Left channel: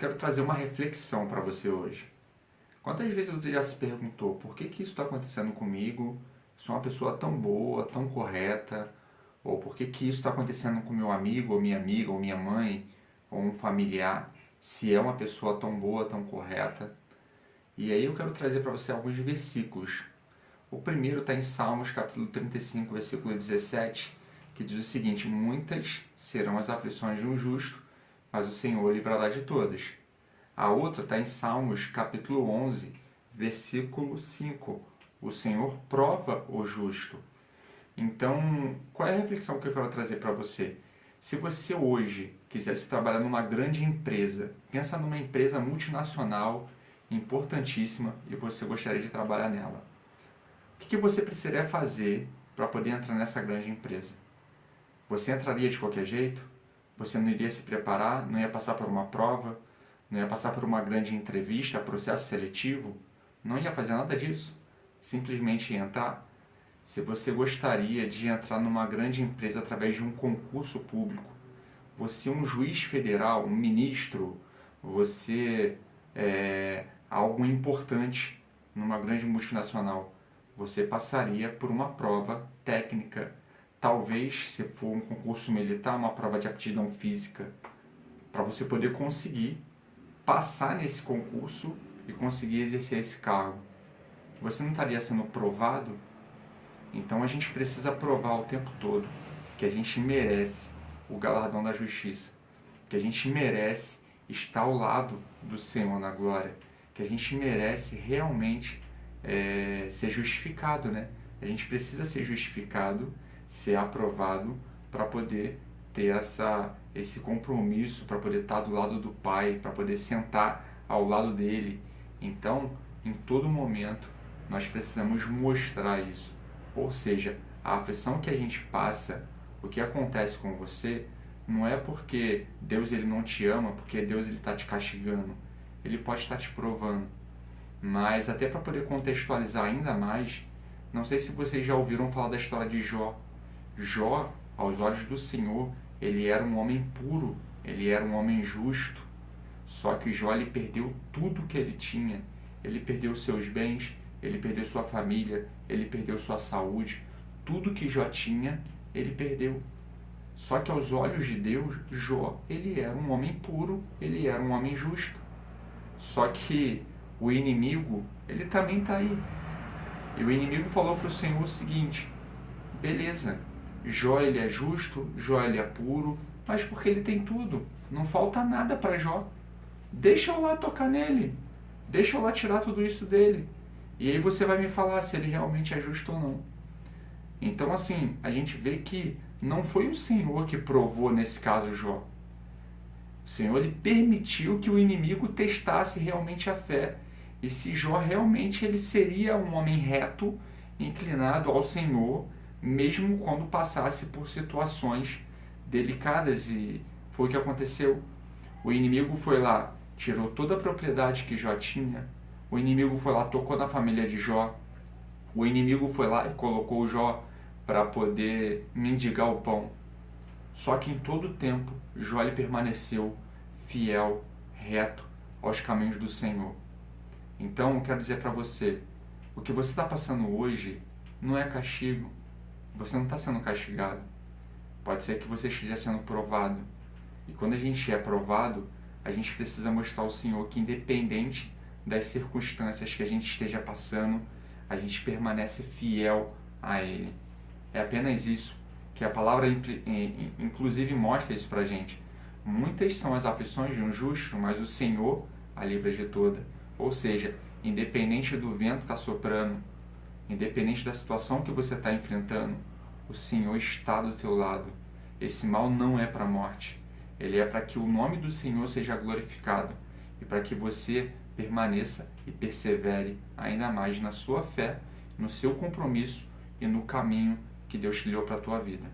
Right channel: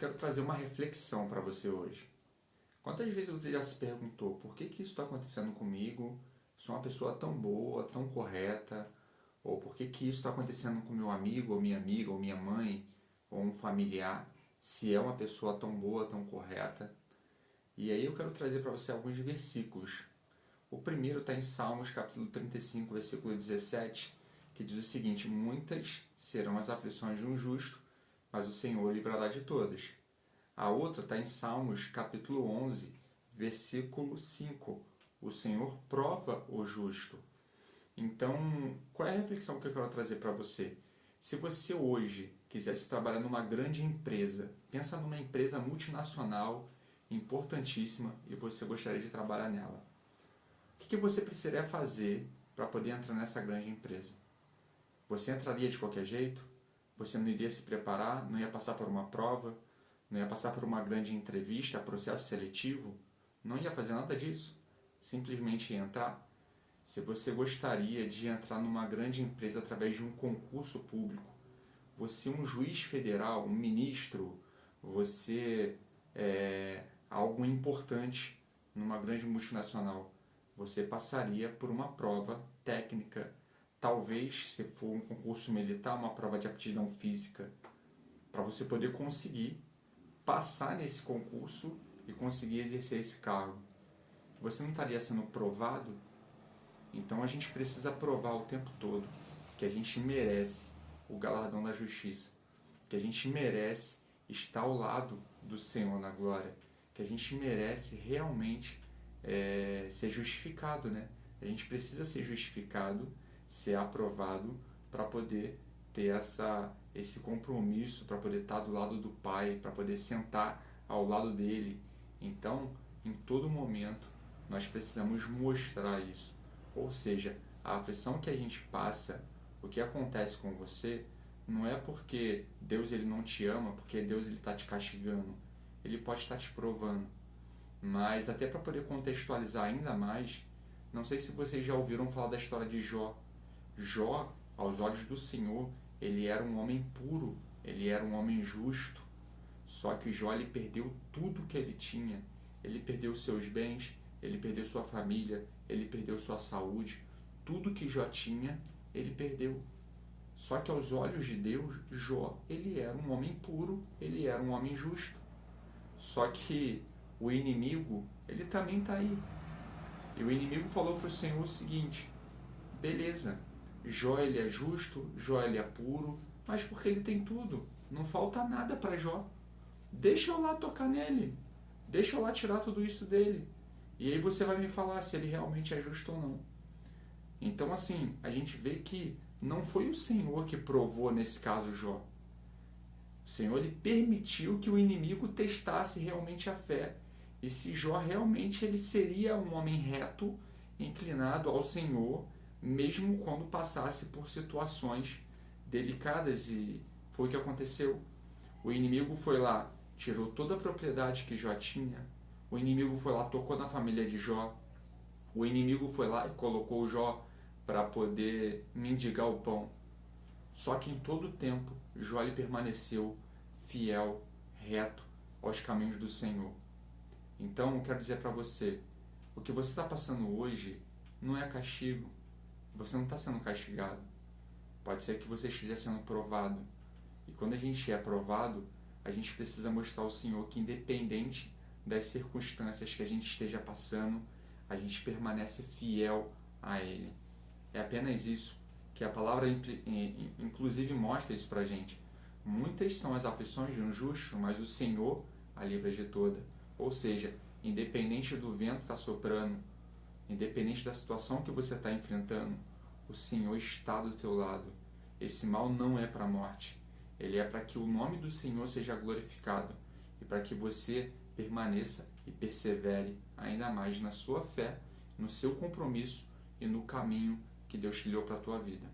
quero trazer uma reflexão para você hoje. Quantas vezes você já se perguntou por que isso está acontecendo comigo? Sou uma pessoa tão boa, tão correta, ou por que isso está acontecendo com meu amigo, ou minha amiga, ou minha mãe, ou um familiar, se é uma pessoa tão boa, tão correta? E aí eu quero trazer para você alguns versículos. O primeiro está em Salmos, capítulo 35, versículo 17, que diz o seguinte: muitas serão as aflições de um justo, mas o Senhor o livrará de todas. A outra está em Salmos, capítulo 11, versículo 5. O Senhor prova o justo. Então, qual é a reflexão que eu quero trazer para você? Se você hoje quisesse trabalhar numa grande empresa, pensa numa empresa multinacional, importantíssima, e você gostaria de trabalhar nela. O que você precisaria fazer para poder entrar nessa grande empresa? Você entraria de qualquer jeito? Você não iria se preparar? Não ia passar por uma prova? Não ia passar por uma grande entrevista, processo seletivo? Não ia fazer nada disso? Simplesmente ia entrar? Se você gostaria de entrar numa grande empresa através de um concurso público, você é um juiz federal, um ministro, você é algo importante numa grande multinacional, você passaria por uma prova técnica. Talvez, se for um concurso militar, uma prova de aptidão física, para você poder conseguir passar nesse concurso e conseguir exercer esse cargo. Você não estaria sendo provado? Então a gente precisa provar o tempo todo que a gente merece o galardão da justiça, que a gente merece estar ao lado do Senhor na glória, que a gente merece realmente ser justificado, né? A gente precisa ser justificado, ser aprovado para poder ter esse compromisso, para poder estar do lado do Pai, para poder sentar ao lado dele. Então, em todo momento, nós precisamos mostrar isso. Ou seja, a aflição que a gente passa, o que acontece com você, não é porque Deus ele não te ama, porque Deus ele está te castigando. Ele pode estar te provando. Mas até para poder contextualizar ainda mais, não sei se vocês já ouviram falar da história de Jó. Jó, aos olhos do Senhor, ele era um homem puro, ele era um homem justo. Só que Jó ele perdeu tudo que ele tinha. Ele perdeu seus bens, ele perdeu sua família, ele perdeu sua saúde. Tudo que Jó tinha, ele perdeu. Só que aos olhos de Deus, Jó, ele era um homem puro, ele era um homem justo. Só que o inimigo, ele também está aí. E o inimigo falou para o Senhor o seguinte: beleza, Jó ele é justo, Jó ele é puro, mas porque ele tem tudo, não falta nada para Jó. Deixa eu lá tocar nele, deixa eu lá tirar tudo isso dele. E aí você vai me falar se ele realmente é justo ou não. Então assim, a gente vê que não foi o Senhor que provou nesse caso Jó. O Senhor ele permitiu que o inimigo testasse realmente a fé. E se Jó realmente ele seria um homem reto, inclinado ao Senhor, mesmo quando passasse por situações delicadas. E foi o que aconteceu. O inimigo foi lá, tirou toda a propriedade que Jó tinha. O inimigo foi lá, tocou na família de Jó. O inimigo foi lá e colocou Jó para poder mendigar o pão. Só que em todo o tempo, Jó ele permaneceu fiel, reto aos caminhos do Senhor. Então, eu quero dizer para você, o que você está passando hoje não é castigo. Você não está sendo castigado. Pode ser que você esteja sendo provado. E quando a gente é provado, a gente precisa mostrar ao Senhor que, independente das circunstâncias que a gente esteja passando, a gente permanece fiel a Ele. É apenas isso que a palavra inclusive mostra isso pra gente. Muitas são as aflições de um justo, mas o Senhor a livra de toda. Ou seja, independente do vento que está soprando, independente da situação que você está enfrentando, o Senhor está do teu lado. Esse mal não é para a morte. Ele é para que o nome do Senhor seja glorificado e para que você permaneça e persevere ainda mais na sua fé, no seu compromisso e no caminho que Deus te deu para a tua vida.